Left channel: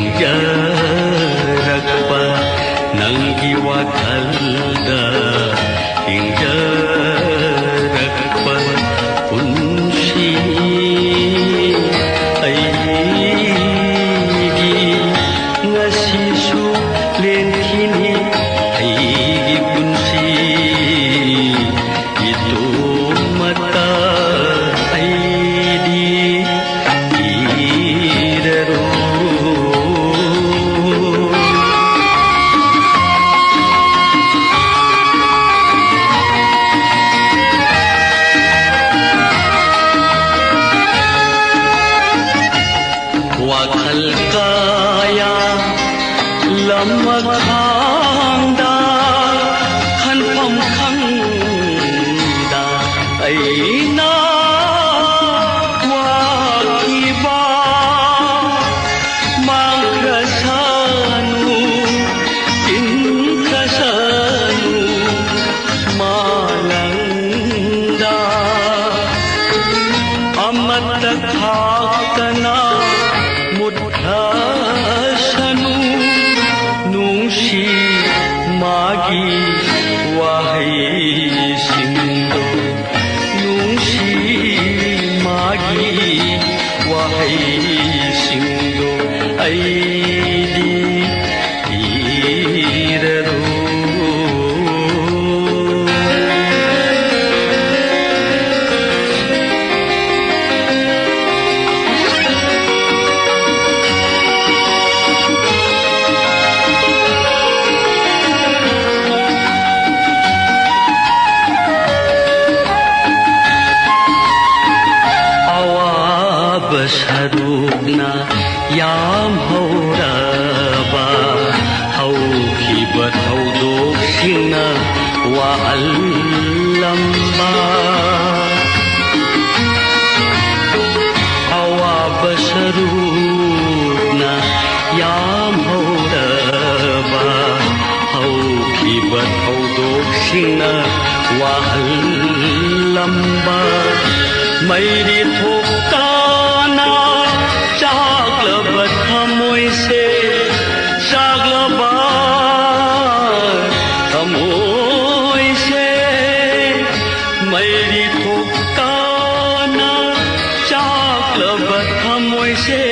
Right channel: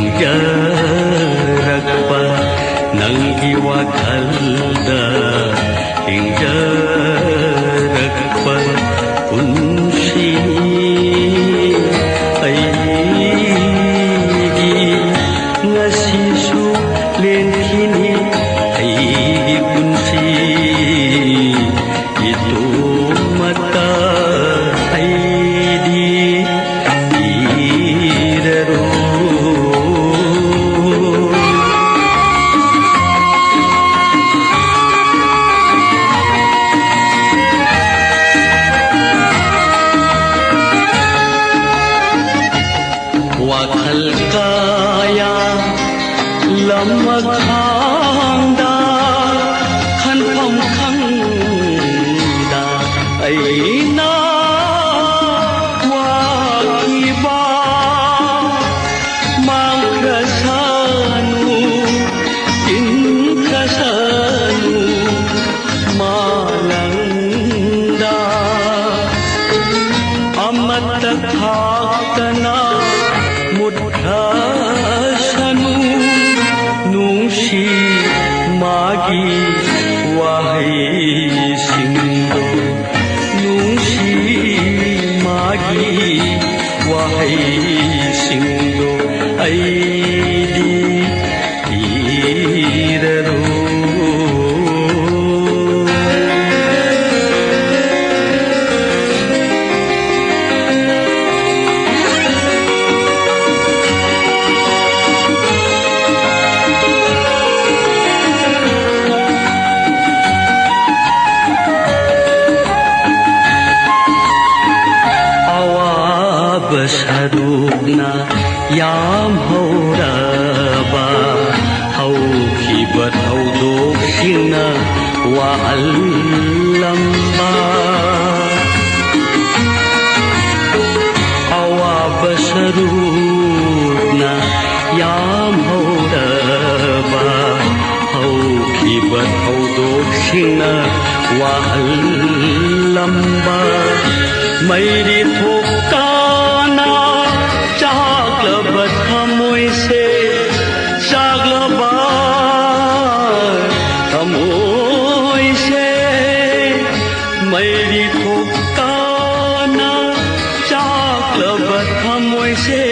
hinggaraagpa nanggi wakalda hinggaraagpa unsini aigi ngasisu lenkini aigi kunci itu mata aidi iraru wakal kaya lamaganda kanpam kanda aina wakiba magkasanu tinkasanu malanda amat takhaktana mudhasanu nungsi magi wahai singgo nungsi magi wahai singgo aidi iraru besarugna yam hauraba haukibat haudoksina wa allamba awa besarugna yam hauraba haukibat haudoksina wa allamba mairi thokta Chaklabat hamoy se Chaklabat hamoy se Mairi thokana Chaklabat hamoy se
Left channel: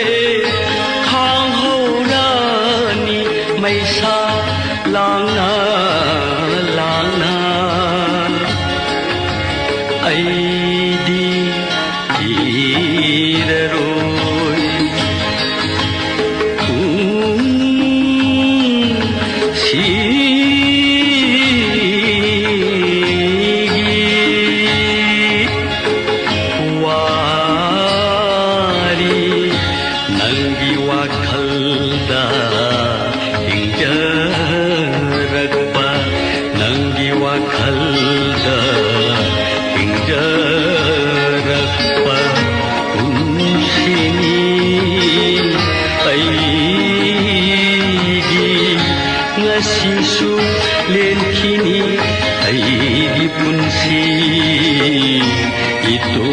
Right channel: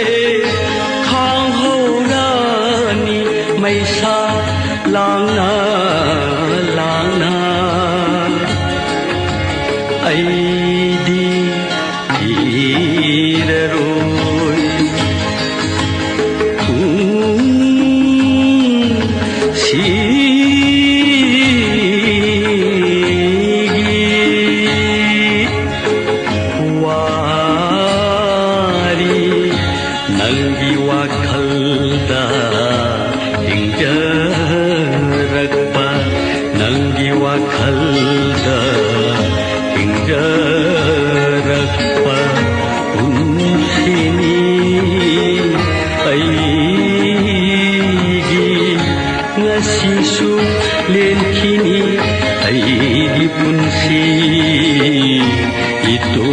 Khang horani may sa langna langna ay di iraru nanggi wakalda hinggaraagpa nanggi wakalda hinggaraagpa unsini aigi ngasisu lenkini aigi punsi itu